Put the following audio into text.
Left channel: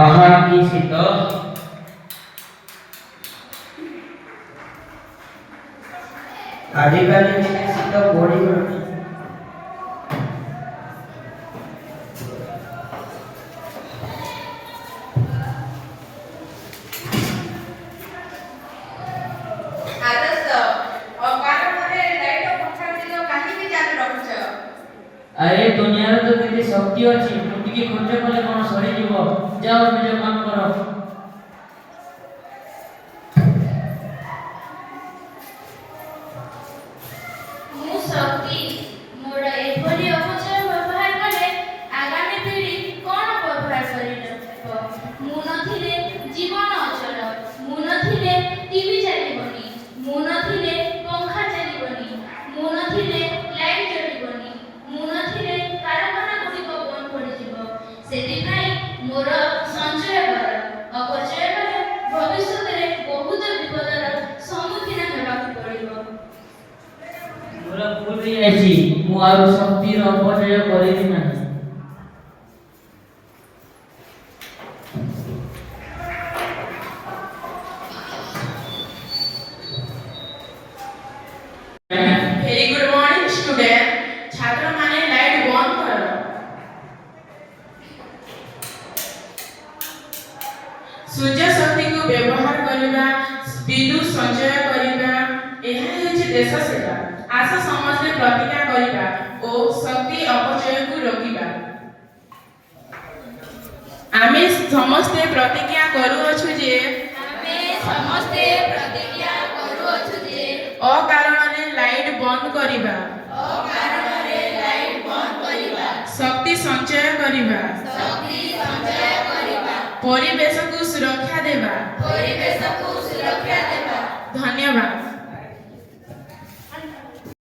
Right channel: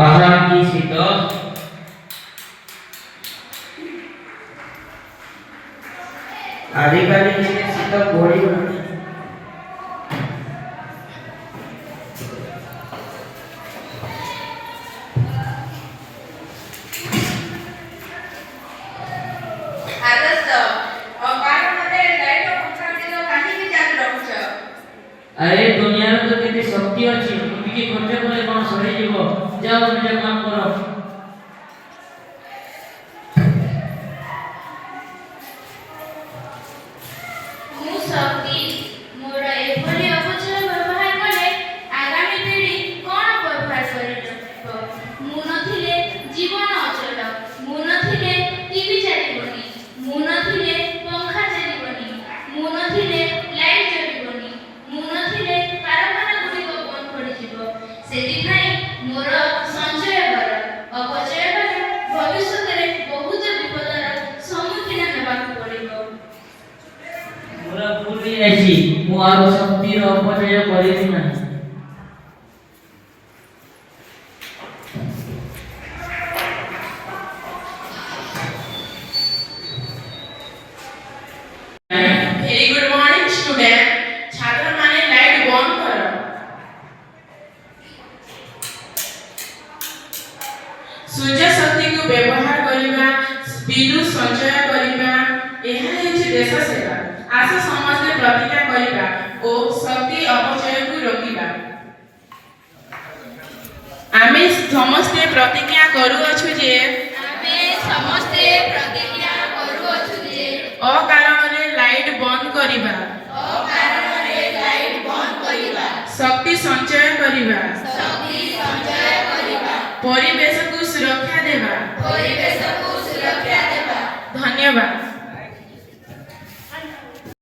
आहा की शीत आजिकाली शीत बड़ी अरे दुनिया रे तो केते शक्ति अछि मुटिके खर्च करे कोन सही जीवो जाओ निज काम करो मु शक्ति मोर एभली अपचय व्यवहार करे आगामी पीढ़ी कोन व्यवहार करिलो मु नथिले जीवन अचल मु नथिले टीवी चलिबनी मु नथिले पंखा चलिबनी मु नथिले लाइट चलिबनी मु नथिले कारखाना गुडी को बंद पड़ी जिवो सेति भाई मोर संचय कर अपचय करे भविष्य रे बहुत विपदर सम्मुखीन हेबा पड़िबो पूरा पूरी ऐसी मु आरो शक्ति रो अपचय करिति नाही Very good morning, student. छात्र माने लाइट बंद करो। सूर्य शक्ति को व्यवहार करिबा, विद्युत संचय करिबा, एहा हेछि देश सेवा। आशा समस्त प्रतिज्ञा करिबा ओ शक्ति अपचय को रोकिबा। आमे समस्त प्रतिज्ञा करूअछु जे अकारणरे लाइट बंद करिबा शक्ति संचय करिबा परिवेश को सुरक्षा देबा धन्यवाद।